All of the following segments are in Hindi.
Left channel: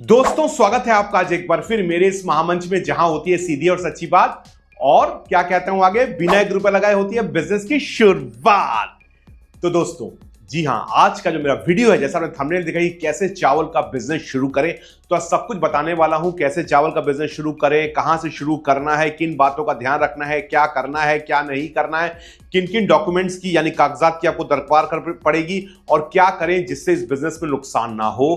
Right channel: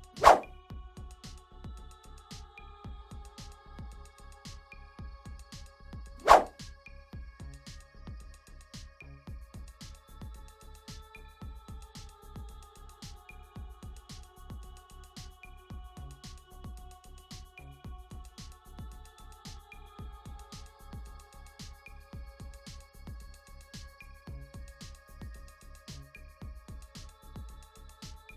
दोस्तों स्वागत है आपका आज एक बार फिर मेरे इस महामंच में जहां होती है सीधी और सच्ची बात और क्या कहता हूं आगे बिना 1 रुपए लगाए होती है बिजनेस की शुरुआत। तो दोस्तों जी हां, आज का जो मेरा वीडियो है जैसा आपने थंबनेल देखा कि कैसे चावल का बिजनेस शुरू करें, तो आज सब कुछ बताने वाला हूं। कैसे चावल का बिजनेस शुरू करें, कहां से शुरू करना है, किन बातों का ध्यान रखना है, क्या करना है क्या नहीं करना है, किन किन डॉक्यूमेंट्स की यानी कागजात की आपको दरकार कर पड़ेगी और क्या करें जिससे इस बिजनेस में नुकसान ना हो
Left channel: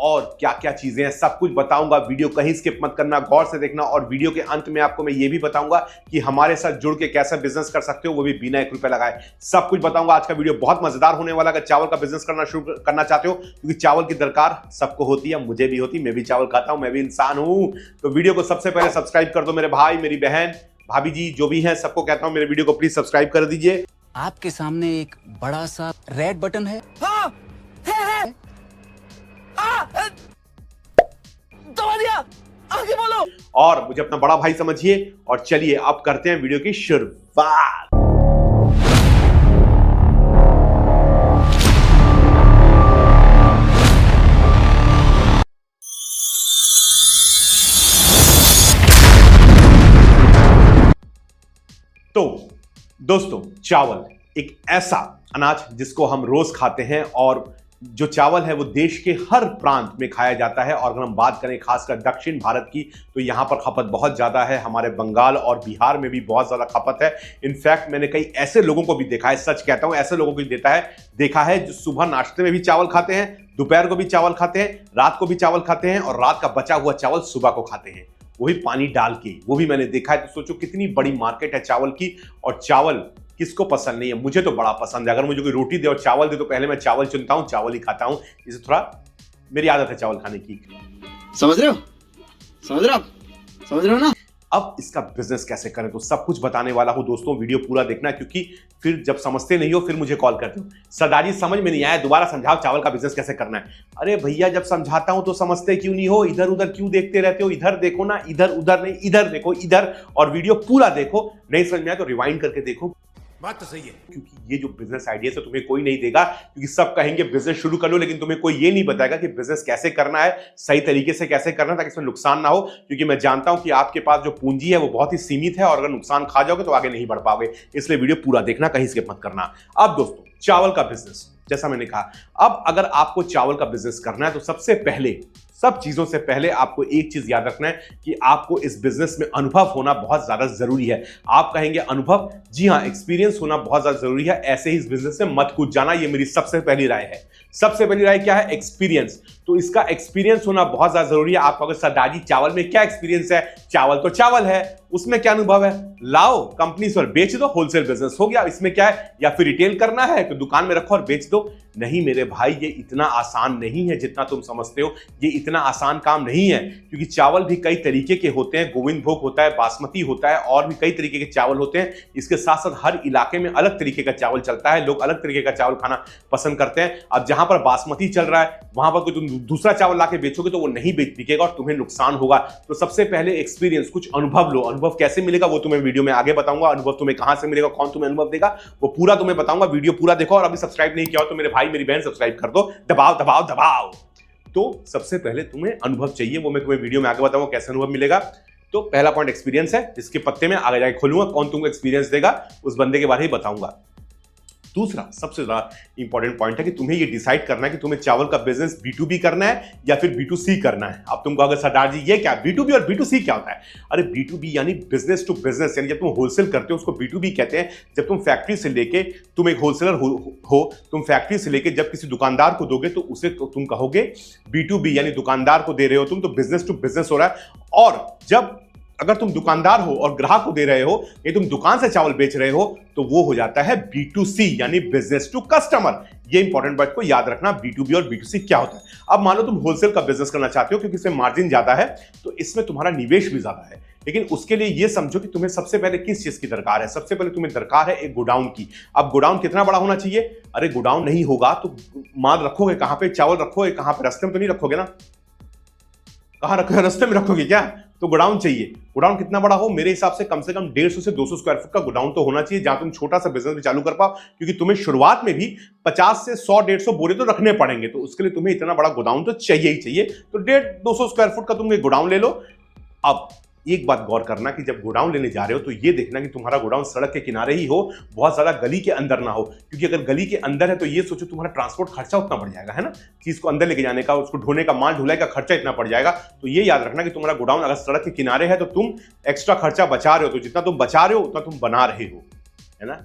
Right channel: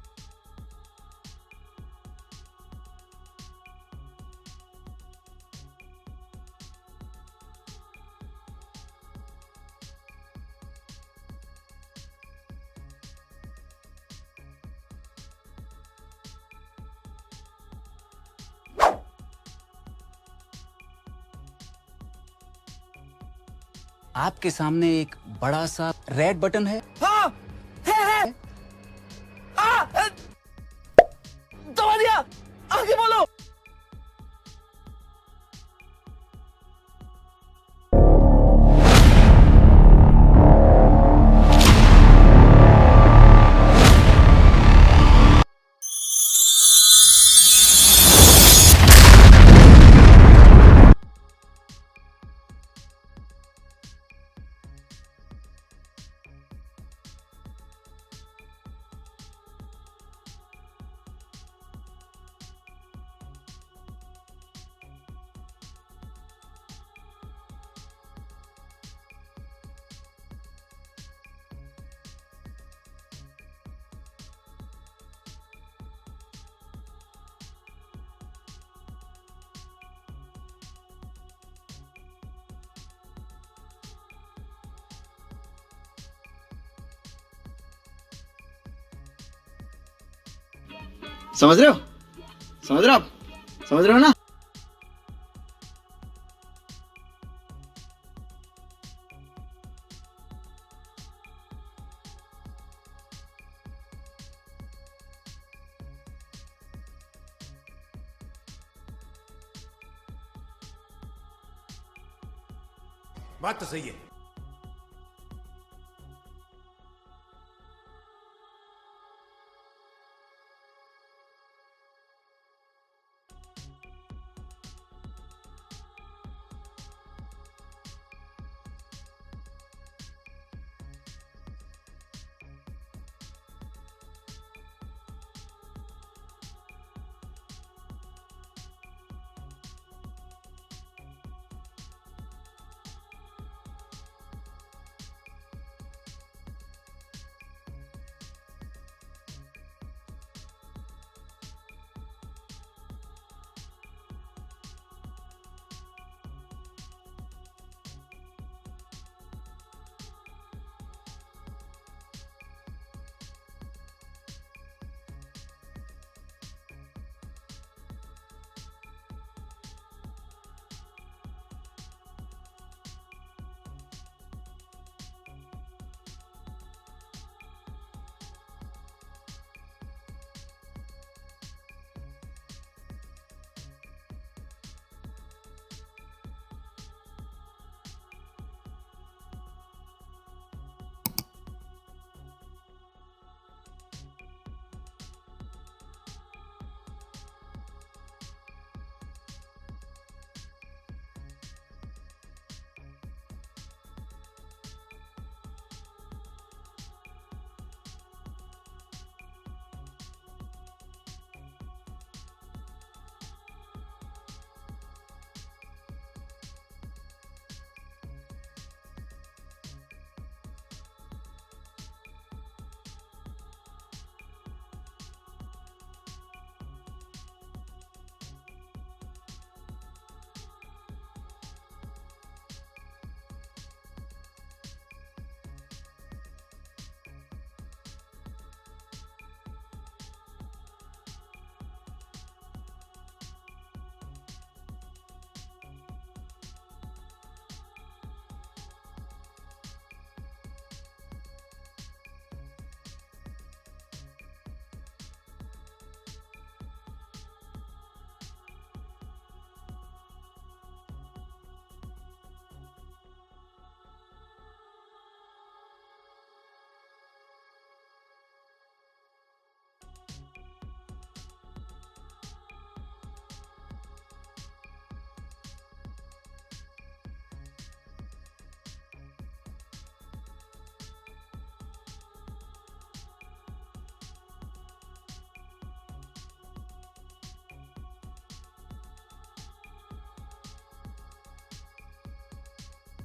और क्या क्या चीजें हैं सब कुछ बताऊंगा। वीडियो कहीं स्किप मत करना, गौर से देखना और वीडियो के अंत में आपको मैं ये भी बताऊंगा कि हमारे साथ जुड़ के कैसा बिजनेस कर सकते हो, वो भी बिना 1 रुपए लगाए। सब कुछ बताऊंगा। आज का वीडियो बहुत मजेदार होने वाला है। अगर चावल का बिजनेस करना शुरू करना चाहते हो, क्योंकि चावल की दरकार सबको होती है, मुझे भी होती, मैं भी चावल खाता हूं, मैं भी इंसान हूं। तो वीडियो को सबसे पहले सब्सक्राइब कर दो मेरे भाई, मेरी बहन, भाभी जी जो भी हैं, सबको कहता हूं मेरे वीडियो को प्लीज सब्सक्राइब कर दीजिए। आपके सामने एक बड़ा सा रेड बटन है। हाँ, है। दबा दिया, आगे बोलो। और मुझे अपना बड़ा भाई समझिए और चलिए अब करते हैं वीडियो की शुरुआत। तो दोस्तों चावल एक ऐसा अनाज जिसको हम रोज खाते हैं और जो चावल है वो देश के हर प्रांत में खाया जाता है। और अगर हम बात करें खासकर दक्षिण भारत की तो यहाँ पर खपत बहुत ज़्यादा है। हमारे बंगाल और बिहार में भी बहुत ज़्यादा खपत है। इनफैक्ट मैंने कई ऐसे लोगों को भी देखा है, सच कहता हूँ, ऐसे लोगों को भी देखा है जो सुबह नाश्ते में भी चावल खाते हैं, दोपहर को भी चावल खाते हैं, रात को भी चावल खाते हैं और रात का बचा हुआ चावल सुबह को खाते हैं, वो भी पानी डाल के। वो भी मैंने देखा है। तो सोचो कितनी बड़ी मार्केट है चावल की। और चावल किसको पसंद नहीं है, मुझे तो बड़ा पसंद है। अगर मुझे कोई रोटी दे और चावल दे तो पहले मैं चावल चुनता हूं, चावल ही खाता हूं। इसे थोड़ा मेरी आदत है चावल खाने की। समझ रहे हो? समझ रहे हो ना? अब इसका बिजनेस कैसे करें तो सब कुछ बताने वाला हूं दोस्तों, वीडियो पूरा देखना, क्योंकि फिर जब समझते नहीं हो फिर मुझे कॉल करते हो, सरदार जी समझ में नहीं आया, दोबारा समझाओ चावल का बिजनेस कैसे करना है। अरे भैया जब समझाता हूं तो समझते क्यों नहीं हो, इधर उधर क्यों देखते रहते हो, इधर देखो ना, इधर उधर नहीं, इधर देखो, इधर, और वीडियो पूरा देखो। नहीं समझ में आया तो रिवाइंड करके देखो। बात तो सही है, क्योंकि ये जो बिजनेस आइडिया से तुम्हें कोई नहीं देगा, क्योंकि सब कहेंगे बिजनेस शुरू कर लो, लेकिन तुम्हें कोई ये नहीं बताएगा कि बिजनेस कैसे करना है, सही तरीके से कैसे करना है ताकि इसमें नुकसान ना हो। क्योंकि मैं जानता हूं कि आपके पास जो पूंजी है वो बहुत ही सीमित है और अगर नुकसान खा जाओगे तो आगे नहीं बढ़ पाओगे। इसलिए वीडियो पूरा देखना, कहीं स्किप मत करना। अब दोस्तों चावल का बिजनेस जैसा मैंने कहा, अब अगर आपको चावल का बिजनेस करना है तो सबसे पहले, सब चीजों से पहले आपको एक चीज याद रखना है कि आपको इस बिजनेस में अनुभव होना बहुत ज्यादा जरूरी है। आप कहेंगे अनुभव, जी हां, एक्सपीरियंस होना बहुत ज्यादा जरूरी है। ऐसे ही इस बिजनेस में मत कूद जाना, ये मेरी सबसे पहली राय है। सबसे पहली राय क्या है? एक्सपीरियंस। तो इसका एक्सपीरियंस होना बहुत ज्यादा जरूरी है। आपको अगर सरदार जी चावल में क्या एक्सपीरियंस है, चावल तो चावल है, उसमें क्या अनुभव है, लाओ कंपनी पर बेच दो, होलसेल बिजनेस हो गया। इसमें क्या है, या फिर रिटेल करना है तो दुकान में रखो और बेच दो। नहीं मेरे भाई, ये इतना आसान नहीं है जितना तुम समझते हो। ये इतना आसान काम नहीं है, क्योंकि चावल भी कई तरीके के होते हैं। गोविंद भोग होता है, बासमती होता है और भी कई तरीके के चावल होते हैं। इसके साथ साथ हर इलाके में अलग तरीके का चावल चलता है, लोग अलग तरीके का चावल खाना पसंद करते हैं। अब जहां पर बासमती चल रहा है वहां पर कोई तुम दूसरा चावल लाके बेचोगे तो वो नहीं बिकेगा और तुम्हें नुकसान होगा। तो सबसे पहले एक्सपीरियंस, कुछ अनुभव लो। अनुभव कैसे मिलेगा वो तुम्हें वीडियो में आगे बताऊंगा। अनुभव तुम्हें कहां से मिलेगा, कौन तुम्हें अनुभव देगा, वो पूरा तुम्हें बताऊंगा। वीडियो पूरा देखो और अभी सब्सक्राइब नहीं किया हो तो मेरे भाई मेरी बहन सब्सक्राइब कर दो, दबाओ दबाओ दबाओ। तो सबसे पहले तुम्हें अनुभव चाहिए, वो मैं तुम्हें वीडियो में आगे बताऊंगा कैसे अनुभव मिलेगा। तो पहला पॉइंट एक्सपीरियंस है, जिसके पत्ते में आगे जाके खोलूंगा, कौन तुमको एक्सपीरियंस देगा उस बंदे के बारे में बताऊंगा। दूसरा सबसे ज्यादा इंपॉर्टेंट पॉइंट है कि तुम्हें ये डिसाइड करना है कि तुम्हें चावल का बिजनेस B2B करना है या फिर B2C करना है। अब तुमको अगर सरदार जी ये क्या B2B और B2C क्या होता है? अरे B2B यानी बिजनेस टू बिजनेस, यानी जब तुम होलसेल करते हो उसको B2B कहते हैं। जब तुम फैक्ट्री से लेके, तुम एक होलसेलर हो, तुम फैक्ट्री से लेके जब किसी दुकानदार को दोगे तो उसे तो तुम कहोगे B2B, यानी दुकानदार को दे रहे हो तुम, तो बिजनेस टू बिजनेस हो रहा है। और जब अगर तुम दुकानदार हो और ग्राहक को दे रहे हो, ये तुम दुकान से चावल बेच रहे हो, तो वो हो जाता है B2C यानी बिजनेस टू कस्टमर। ये इंपॉर्टेंट बात को याद रखना, B2B और B2C क्या होता है। अब मान लो तुम होलसेल का बिजनेस करना चाहते हो, क्योंकि इसमें मार्जिन ज्यादा है तो इसमें तुम्हारा निवेश भी ज्यादा है। लेकिन उसके लिए ये समझो कि तुम्हें सबसे पहले किस चीज की दरकार है। सबसे पहले तुम्हें दरकार है एक गोडाउन की। अब गोडाउन कितना बड़ा होना चाहिए? अरे गोडाउन नहीं होगा तो माल रखोगे कहां पे, चावल रखोगे कहां पे? रास्ते में तो नहीं रखोगे ना, कहां रखोगे? रास्ते में रखोगे क्या? तो गोडाउन चाहिए। गोडाउन कितना बड़ा हो? मेरे हिसाब से कम 150 से 200 स्क्वायर फुट का गोडाउन तो होना चाहिए, जहां तुम छोटा सा बिजनेस भी चालू कर पाओ, क्योंकि तुम्हें शुरुआत में भी 50 से 100-150 बोरे तो रखने पड़ेंगे, तो उसके लिए तुम्हें इतना बड़ा गोडाउन तो चाहिए ही चाहिए। तो 150-200 स्क्वायर फुट का तुम एक गोडाउन ले लो। अब एक बात गौर करना कि जब गोडाउन लेने जा रहे हो तो ये देखना कि तुम्हारा गोडाउन सड़क के किनारे ही हो, बहुत ज्यादा गली के अंदर ना हो, क्योंकि अगर गली के अंदर है तो ये सोचो तुम्हारा ट्रांसपोर्ट खर्चा उतना बढ़ जाएगा, है ना, चीज को अंदर लेके जाने का, उसको ढोने का, माल ढुलाई का खर्चा इतना पड़ जाएगा। तो ये याद रखना कि तुम्हारा गोडाउन अगर सड़क के किनारे है तो तुम एक्स्ट्रा खर्चा बचा रहे हो, तो जितना तुम बचा रहे हो उतना तुम बना रहे हो, है ना।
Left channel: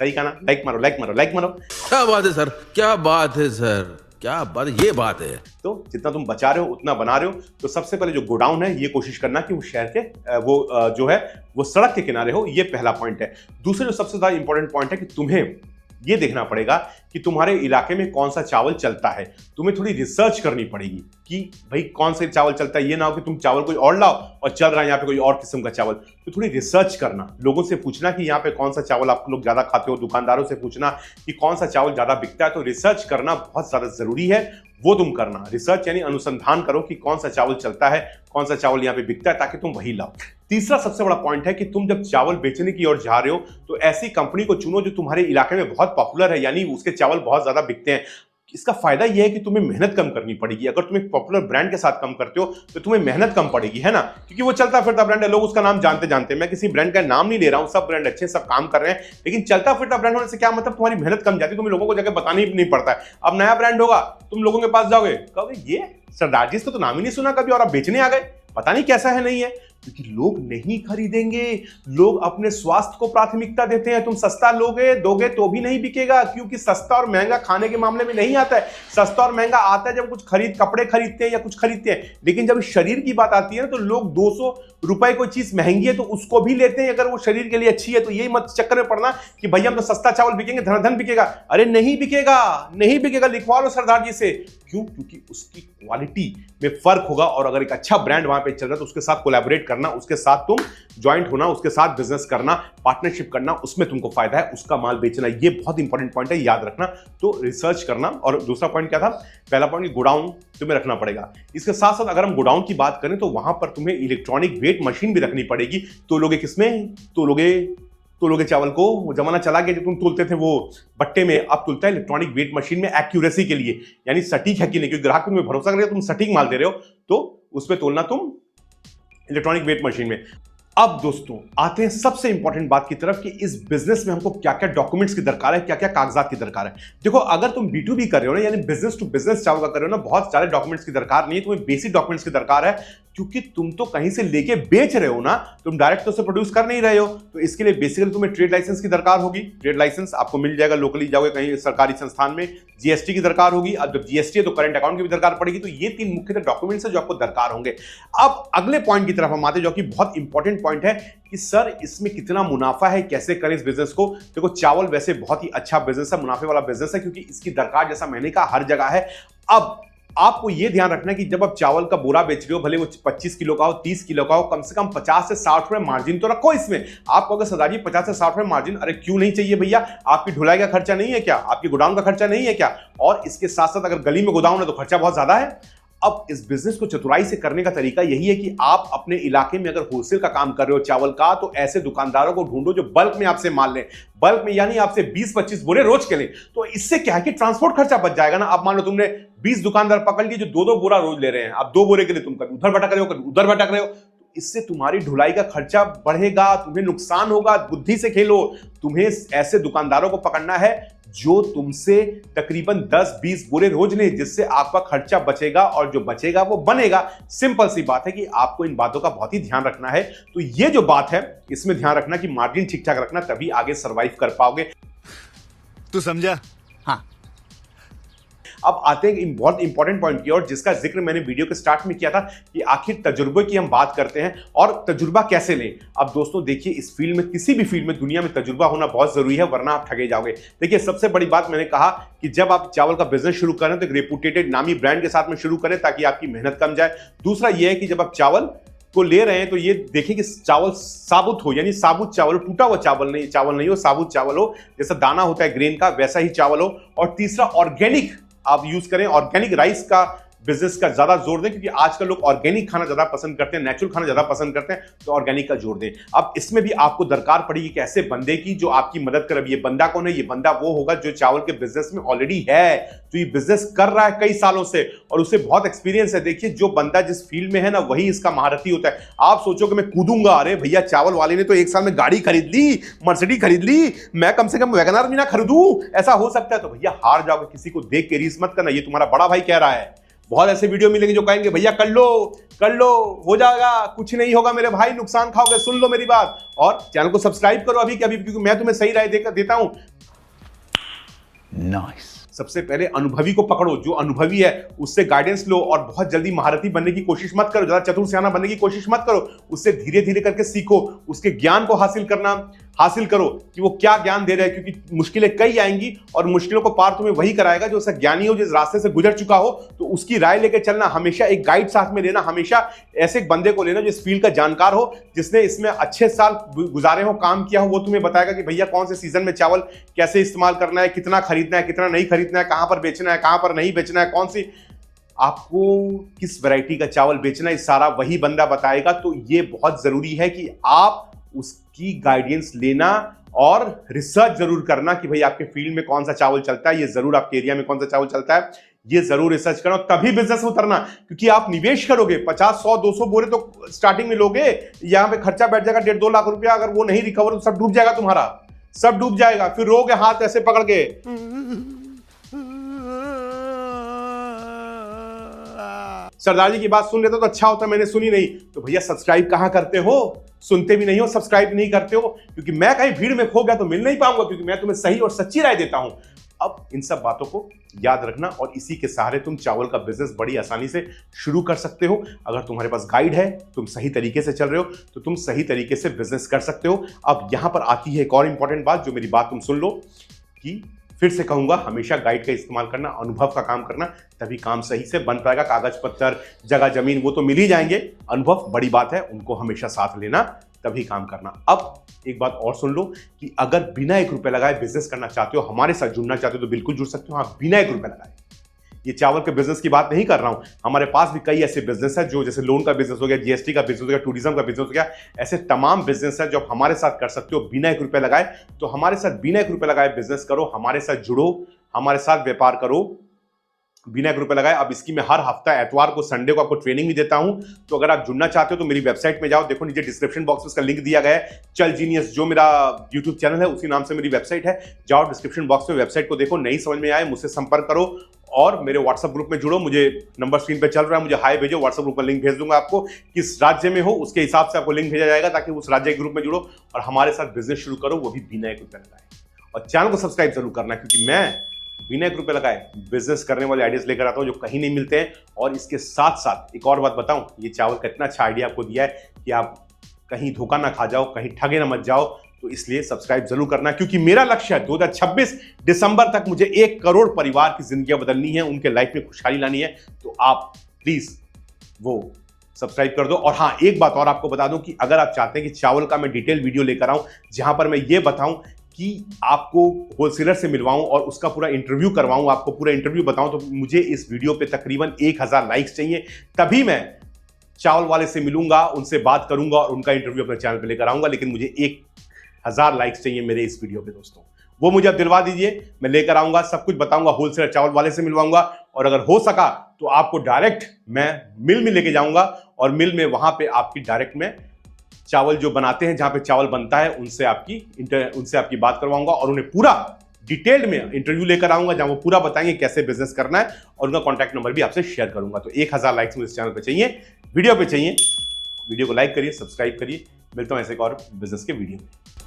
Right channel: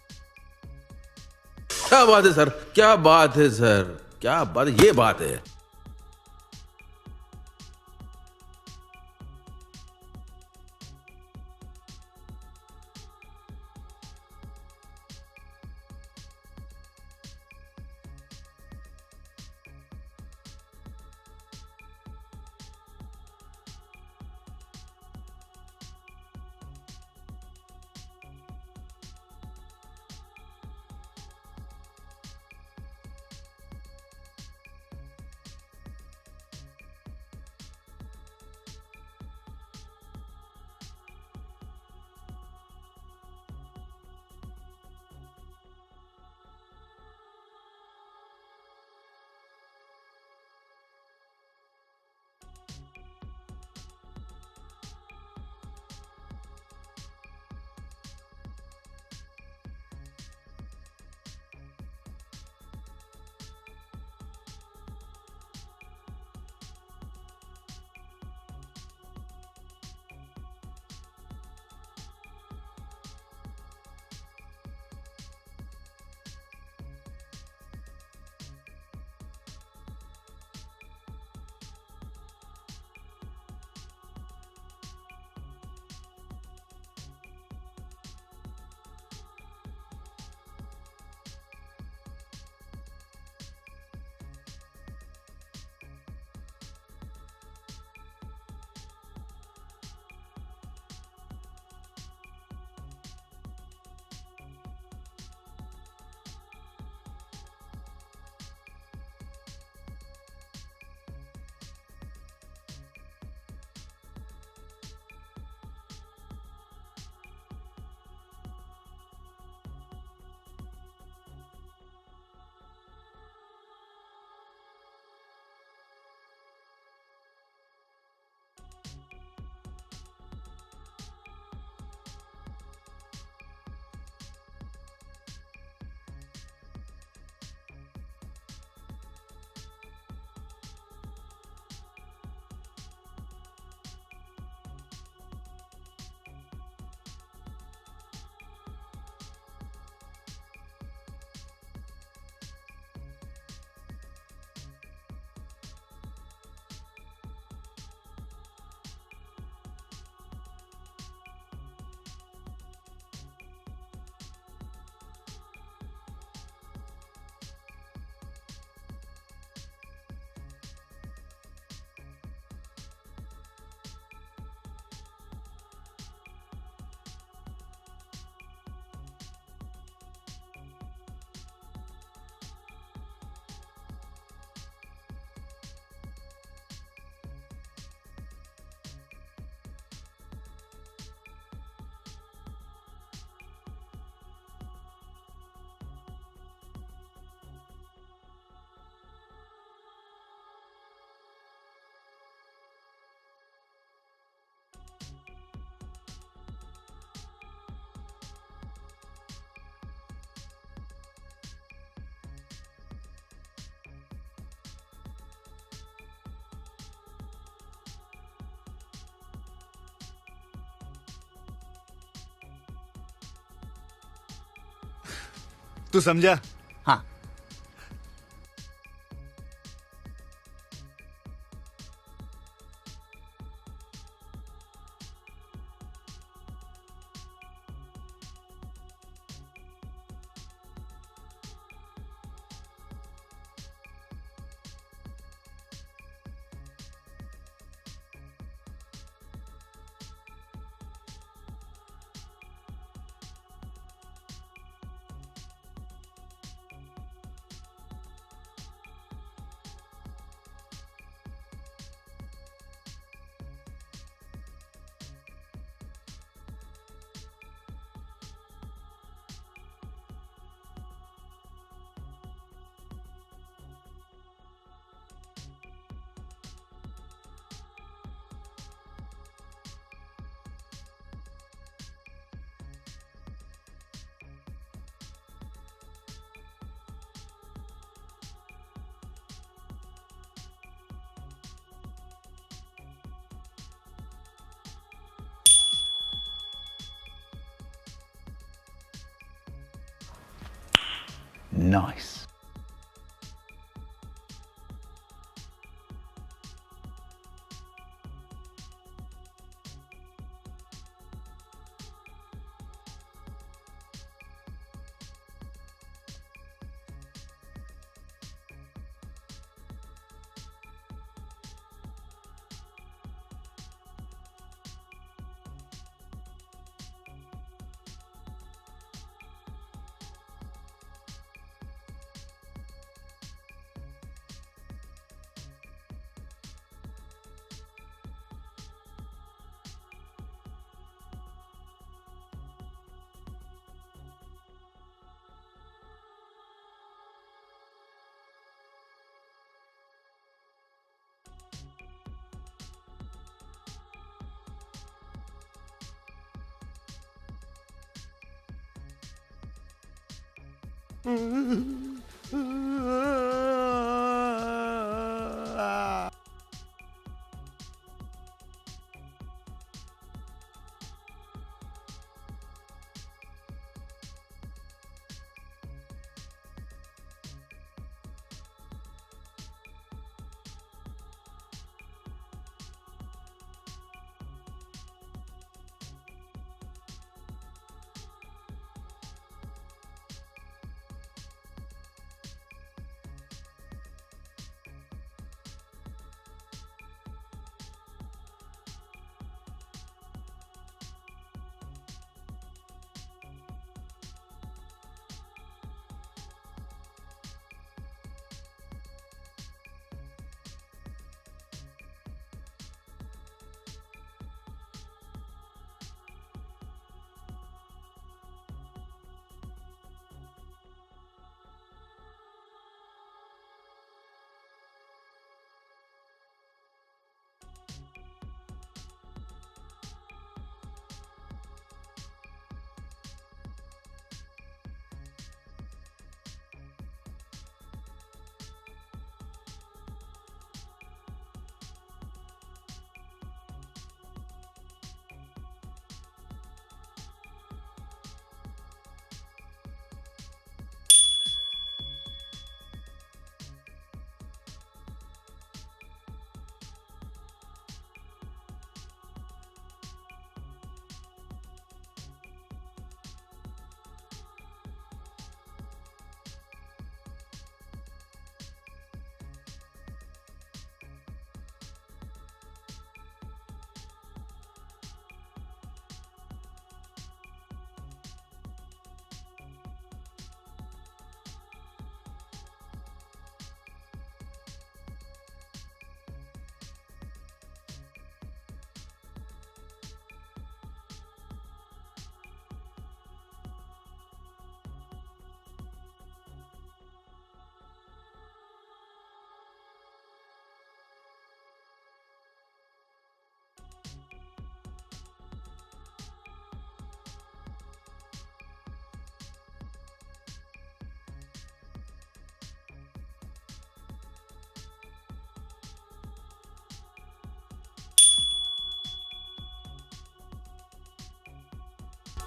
सही कहा ना? लाइक मारो, लाइक मारो, लाइक मारो। क्या बात है सर, क्या बात है सर, क्या बात, ये बात है। तो जितना तुम बचा रहे हो उतना बना रहे हो। तो सबसे पहले जो गोडाउन है ये कोशिश करना कि वो शहर के जो है वो सड़क के किनारे हो, ये पहला पॉइंट है। दूसरा जो सबसे ज्यादा इंपॉर्टेंट पॉइंट है कि तुम्हें ये देखना पड़ेगा कि तुम्हारे इलाके में कौन सा चावल चलता है। तुम्हें थोड़ी रिसर्च करनी पड़ेगी कि भाई कौन सा चावल चलता है। ये ना हो कि तुम चावल कोई और लाओ और चल रहा है यहाँ पे कोई और किस्म का चावल। तो थोड़ी रिसर्च करना, लोगों से पूछना कि यहाँ पे कौन सा चावल आप लोग ज्यादा खाते हो, दुकानदारों से पूछना कि कौन सा चावल ज्यादा बिकता है। तो रिसर्च करना बहुत ज्यादा जरूरी है, वो तुम करना। रिसर्च यानी अनुसंधान करो कि कौन सा चावल चलता है, कौन सा चावल यहाँ पे बिकता है, ताकि तुम वही लाओ। तीसरा सबसे बड़ा पॉइंट है कि तुम जब चावल बेचने की ओर जा रहे हो तो ऐसी कंपनी को चुनो जो तुम्हारे इलाके में बहुत पॉपुलर है, यानी उसके चावल बहुत ज्यादा बिकते हैं। इसका फायदा यह है कि तुम्हें मेहनत कम करनी पड़ेगी। अगर तुम एक पॉपुलर ब्रांड के साथ काम करते हो तो तुम्हें मेहनत कम पड़ेगी, है ना, क्योंकि वो चलता फिरता ब्रांड है, लोग उसका नाम जानते हैं। मैं किसी ब्रांड का नाम नहीं ले रहा हूं, सब ब्रांड अच्छे, सब काम कर रहे हैं, लेकिन चलता फिरता ब्रांड होने से क्या मतलब, तुम्हारी मेहनत कम जाती है, तुम्हें लोगों को जाकर बताना ही नहीं पड़ता है। अब नया ब्रांड होगा, तुम लोगों के पास जाओगे, कहोगे ये सरदार जी तो नाम ही नहीं सुना कभी, और आप बेचने आ गए, पता नहीं कैसा है, नहीं है, क्योंकि लोग नहीं खरीदेंगे। लोग अपने स्वास्थ्य को प्राथमिकता देते हैं। तुम सस्ता दोगे तो भी नहीं बिकेगा, क्योंकि सस्ता और महंगा खाने के मामले में नहीं आता है। सस्ता और महंगा आता है जब कुछ कपड़े खरीदते हैं या कुछ खरीदते हैं, लेकिन जब शरीर की बात आती है ना तो लोग 200 रुपए कोई चीज महंगी है तो उसको भी लेते हैं अगर वो शरीर के लिए अच्छी है। तो यही मत चक्कर में पड़ना कि भैया हम तो सस्ता चावल बिकेंगे, धन बिकेगा। अरे नहीं बिकेगा, नहीं बिकेगा, लिखवा लो सरदार जी से। क्यों? क्योंकि उसकी क्वालिटी में फर्क होगा, और अगर एक अच्छा ब्रांड वहां पे चल रहा है तो उसके साथ कोलैबोरेट करना, उसके साथ तुम ज्वाइंट होना, उसके साथ बिजनेस करना, पार्टनरशिप करना, उसमें तुमको फायदा है, उसका माल बेचना, ये बहुत इंपॉर्टेंट पॉइंट है, याद रखना। तो रिसर्च करना। और दूसरा पॉइंट क्या था? पहला पॉइंट गोडाउन तुम्हें रखना पड़ेगा। इसके साथ साथ अगर हम गोडाउन की बात करें तो वहां पर तुम्हें इलेक्ट्रॉनिक वेट मशीन भी रखनी पड़ेगी। तो लोगे किसमें? तो लोगे चावल को। वो जमाना चला गया जब तुम तोलते थे वो बट्टे में, अब तुलता है इलेक्ट्रॉनिक वेट मशीन में, एक्यूरेसी के लिए, यानी सटीक है कि नहीं, क्योंकि ग्राहक तुम्हें भरोसा करेगा, तुम सटीक माल दे रहे हो, तो उसमें तोलना तुम इलेक्ट्रॉनिक वेट मशीन में। अब दोस्तों आते हैं सबसे इंपॉर्टेंट बात की तरफ कि इस बिजनेस में हमको क्या क्या डॉक्यूमेंट्स की दरकार है, क्या क्या कागजात की दरकार है। देखो, अगर तुम B2B कर रहे हो ना, यानी बिजनेस टू बिजनेस चावल का कर रहे हो ना, बहुत सारे डॉक्यूमेंट्स की दरकार नहीं है, तुम्हें बेसिक डॉक्यूमेंट्स की दरकार है, क्योंकि तुम तो कहीं से लेके बेच रहे हो ना, तुम डायरेक्ट तो से प्रोड्यूस कर नहीं रहे हो। तो इसके लिए बेसिकली तुम्हें ट्रेड लाइसेंस की दरकार होगी। ट्रेड लाइसेंस आपको मिल जाएगा, लोकली जाओगे कहीं सरकारी संस्थान में। GST की दरकार होगी। अब जब GST है तो करंट अकाउंट की भी दरकार पड़ेगी। तो ये 3 मुख्य डॉक्यूमेंट्स है जो आपको दरकार होंगे। अब अगले पॉइंट की तरफ हम आते हैं, जो कि बहुत इंपॉर्टेंट पॉइंट है कि सर इसमें कितना मुनाफा है, कैसे करें इस बिजनेस को। देखो, चावल वैसे बहुत ही अच्छा बिजनेस है, मुनाफे वाला बिजनेस है, क्योंकि इसकी दरकार, जैसा मैंने कहा, हर जगह है। अब आपको यह ध्यान रखना है कि जब आप चावल का बोरा बेच रहे हो, भले वो 25 किलो का हो, 30 किलो का हो, कम से कम 50 से 60 रुपए मार्जिन तो रखो इसमें। आप कहोगे सरदार जी 50 से 60 रुपए मार्जिन, अरे क्यों नहीं चाहिए भैया? आपकी ढुलाई का खर्चा नहीं है क्या? आपकी गोडाउन का खर्चा नहीं है क्या? और इसके साथ साथ अगर गली में गोदाम है तो खर्चा बहुत ज्यादा है। अब इस बिजनेस को चतुराई से करने का तरीका यही है कि आप अपने इलाके में अगर होलसेल का काम कर रहे हो चावल का, तो ऐसे दुकानदारों को ढूंढो जो बल्क में आपसे माल लें। बल्क में यानी आपसे 20-25 बोरे रोज के लें। तो इससे क्या है कि ट्रांसपोर्ट खर्चा बच जाएगा ना। अब मान लो तुमने 20 दुकानदार पकड़ लिए जो 2-2 बोरा रोज ले रहे हैं। अब 2 बोरे के लिए तुम कभी उधर भटक रहे हो, कभी उधर भटक रहे हो। इससे तुम्हारी ढुलाई का खर्चा बढ़ेगा, तुम्हें नुकसान होगा। बुद्धि से खेलो। तुम्हें ऐसे दुकानदारों को पकड़ना है जो तुमसे तकरीबन 10-20 बोरे रोज ले, जिससे आपका खर्चा बचेगा, और जो बचेगा वो बनेगा। सिंपल सी बात है कि आपको इन बातों का बहुत ही ध्यान रखना है। तो ये जो बात है, इसमें ध्यान रखना कि मार्जिन ठीक ठाक रखना, तभी आगे सर्वाइव कर पाओगे। तू समझा? हाँ। अब आते हैं बहुत इंपॉर्टेंट पॉइंट की ओर, जिसका जिक्र मैंने वीडियो के स्टार्ट में किया था कि आखिर तजुर्बे की हम बात करते हैं और तजुर्बा कैसे लें। अब दोस्तों देखिए, इस फील्ड में, किसी भी फील्ड में दुनिया में तजुर्बा होना बहुत जरूरी है, वरना आप ठगे जाओगे। देखिए, सबसे बड़ी बात मैंने कहा कि जब आप चावल का बिजनेस शुरू करें तो एक रेपुटेटेड नामी ब्रांड के साथ में शुरू करें, ताकि आपकी मेहनत कम जाए। दूसरा यह है कि जब आप चावल को ले रहे हैं तो ये देखें कि चावल साबुत हो, यानी साबुत चावल, टूटा हुआ चावल नहीं हो, साबुत चावल हो, जैसा दाना होता है ग्रेन का, वैसा ही चावल हो। और तीसरा, ऑर्गेनिक आप यूज करें। ऑर्गेनिक राइस का बिजनेस का ज्यादा जोर दें, क्योंकि आजकल लोग ऑर्गेनिक खाना ज्यादा पसंद करते हैं, नेचुरल खाना ज्यादा पसंद करते हैं, तो ऑर्गेनिक का जोर दें। अब इसमें भी आपको दरकार पड़ेगी कि ऐसे बंदे की जो आपकी मदद करे। ये बंदा कौन है? ये बंदा वो होगा जो चावल के बिजनेस में ऑलरेडी है, तो ये बिजनेस कर रहा है कई सालों से और उसे बहुत एक्सपीरियंस है। देखिए, जो बंदा जिस फील्ड में है ना, वही इसका महारथी होता है। आप सोचो कि मैं कूदूंगा, अरे भैया चावल वाले ने तो 1 साल में गाड़ी खरीद ली, मर्सिडीज खरीद ली, मैं कम से कम वैगनआर भी ना खरीदूं, ऐसा हो सकता है? तो भैया हार जाओगे, किसी को देख के रीस मत करना, ये तुम्हारा बड़ा भाई कह रहा है। बहुत ऐसे वीडियो मिलेंगे जो कहेंगे भैया कर लो हो जाएगा, कुछ नहीं होगा मेरे भाई, नुकसान खाओगे। सुन लो मेरी बात और चैनल को सब्सक्राइब करो अभी के अभी, क्योंकि मैं तुम्हें सही राय देता हूं। नाइस। सबसे पहले अनुभवी को पकड़ो, जो अनुभवी है उससे गाइडेंस लो और बहुत जल्दी महारथी बनने की कोशिश मत करो, ज्यादा चतुर सियाना बनने की कोशिश मत करो। उससे धीरे धीरे करके सीखो, उसके ज्ञान को हासिल करो कि वो क्या ज्ञान दे रहे हैं, क्योंकि मुश्किलें कई आएंगी और मुश्किलों को पार तुम्हें वही कराएगा जो ऐसा ज्ञानी हो, जिस रास्ते से गुजर चुका हो। तो उसकी राय लेकर चलना, हमेशा एक गाइड साथ में लेना, हमेशा ऐसे एक बंदे को लेना जो इस फील्ड का जानकार हो, जिसने इसमें अच्छे साल गुजारे हो, काम किया हो। वो तुम्हें बताएगा कि भैया कौन से सीजन में चावल कैसे इस्तेमाल करना है, कितना खरीदना है, कितना नहीं खरीदना है, कहां पर बेचना है, कहां पर नहीं बेचना है, कौन सी आपको किस वैरायटी का चावल बेचना है, सारा वही बंदा बताएगा। तो ये बहुत जरूरी है कि आप उसकी गाइडेंस लेना और रिसर्च जरूर करना कि भाई आपके फील्ड में कौन सा चावल चलता है, ये जरूर आपके एरिया में कौन सा चावल चलता है, ये जरूर रिसर्च करना, तभी बिजनेस में उतरना। क्योंकि आप निवेश करोगे 50, 100, 200 बोरे तो स्टार्टिंग में लोगे, यहाँ पे खर्चा बैठ जाएगा 1.5-2 लाख रुपया, अगर वो नहीं रिकवर तो सब डूब जाएगा, तुम्हारा सब डूब जाएगा। फिर रोगे हाथ ऐसे पकड़ के, सरदार जी की बात सुन लेते तो अच्छा होता, मैंने सुनी नहीं। तो भैया सब्सक्राइब कहां करते हो? सुनते भी नहीं हो, सब्सक्राइब नहीं करते हो, क्योंकि मैं कहीं भीड़ में खो गया तो मिल नहीं पाऊंगा, क्योंकि मैं तुम्हें सही और सच्ची राय देता हूं। अब इन सब बातों को याद रखना और इसी के सहारे तुम चावल का बिजनेस बड़ी आसानी से शुरू कर सकते हो। अगर तुम्हारे पास गाइड है, तुम सही तरीके से चल रहे हो, तो तुम सही तरीके से बिजनेस कर सकते हो। अब यहां पर आती है एक और इंपॉर्टेंट बात, जो मेरी बात तुम सुन लो, कि फिर से कहूंगा, हमेशा गाइड का इस्तेमाल करना, अनुभव का काम करना, तभी काम सही से बन पाएगा। कागज पत्थर, जगह जमीन वो तो मिल ही जाएंगे, अनुभव बड़ी बात है, उनको हमेशा साथ लेना, तभी काम करना। अब एक बात और सुन लो कि अगर बिना 1 रुपए लगाए बिजनेस करना चाहते हो, हमारे साथ जुड़ना चाहते हो, तो बिल्कुल जुड़ सकते हो। हाँ, बिना 1 रुपए लगाए। ये चावल के बिजनेस की बात नहीं कर रहा हूं, हमारे पास भी कई ऐसे बिजनेस है, जो जैसे लोन का बिजनेस हो गया, जीएसटी का बिजनेस हो गया, टूरिज्म का बिजनेस हो गया, ऐसे तमाम बिजनेस है जो आप हमारे साथ कर सकते हो बिना 1 रुपए लगाए। तो हमारे साथ बिना 1 रुपए लगाए बिजनेस करो, हमारे साथ जुड़ो, हमारे साथ व्यापार करो बिना 1 रुपए लगाए। अब इसकी मैं हर हफ्ता एतवार को, संडे को आपको ट्रेनिंग भी देता हूं। तो अगर आप जुड़ना चाहते हो तो मेरी वेबसाइट में जाओ, देखो नीचे डिस्क्रिप्शन बॉक्स में उसका लिंक दिया गया है। चल जीनियस जो मेरा यूट्यूब चैनल है, उसी नाम से मेरी वेबसाइट है। जाओ डिस्क्रिप्शन बॉक्स में वेबसाइट को देखो, नहीं समझ में आए मुझसे संपर्क करो और मेरे व्हाट्सएप ग्रुप में जुड़ो। मुझे नंबर स्क्रीन पे चल रहा है, मुझे हाई भेजो, व्हाट्सएप ग्रुप पर लिंक भेज दूंगा आपको। किस राज्य में हो उसके हिसाब से आपको लिंक भेजा जाएगा, ताकि उस राज्य के ग्रुप में जुड़ो और हमारे साथ बिजनेस शुरू करो, वो भी बिना 1 रुपए लगाए। और चैनल को सब्सक्राइब जरूर करना, क्योंकि मैं बिना 1 रुपए लगाए बिजनेस करने वाले आइडियाज लेकर आता हूं जो कहीं नहीं मिलते हैं। और इसके साथ साथ एक और बात बताऊं, ये चावल का इतना अच्छा आइडिया आपको दिया है कि आप कहीं धोखा ना खा जाओ, कहीं ठगे ना मत जाओ। तो इसलिए सब्सक्राइब जरूर करना, क्योंकि मेरा लक्ष्य है 2026 दिसंबर तक मुझे 1 करोड़ परिवार की जिंदगियां बदलनी है, उनके लाइफ में खुशहाली लानी है। तो आप प्लीज वो सब्सक्राइब कर दो। और हाँ, एक बात और आपको बता दूं कि अगर आप चाहते हैं कि चावल का मैं डिटेल वीडियो लेकर आऊं, जहां पर मैं ये बताऊं कि आपको होलसेलर से मिलवाऊं और उसका पूरा इंटरव्यू करवाऊं, आपको पूरा इंटरव्यू बताऊं, तो मुझे इस वीडियो पे तकरीबन 1000 लाइक्स चाहिए, तभी मैं चावल वाले से मिलूंगा, उनसे बात करूंगा और उनका इंटरव्यू अपने चैनल पे लेकर आऊंगा। लेकिन मुझे 1000 लाइक्स चाहिए मेरे इस वीडियो पे दोस्तों, वो मुझे अब दिलवा दीजिए, मैं लेकर आऊंगा, सब कुछ बताऊंगा, होलसेलर चावल वाले से मिलवाऊंगा। और अगर हो सका तो आपको डायरेक्ट मैं मिल में लेके जाऊंगा और मिल में वहां पे आपकी डायरेक्ट में चावल जो बनाते हैं, जहां पे चावल बनता है, उनसे आपकी बात करवाऊंगा और उन्हें पूरा डिटेल्ड में इंटरव्यू लेकर आऊंगा, जहां वो पूरा बताएंगे कैसे बिजनेस करना है, और उनका कॉन्टैक्ट नंबर भी आपसे शेयर करूंगा। तो 1000 लाइक्स मुझे इस चैनल पे चाहिए, वीडियो पे चाहिए। वीडियो को लाइक करिए, सब्सक्राइब करिए। मिलता हूं ऐसे एक और बिजनेस के वीडियो में।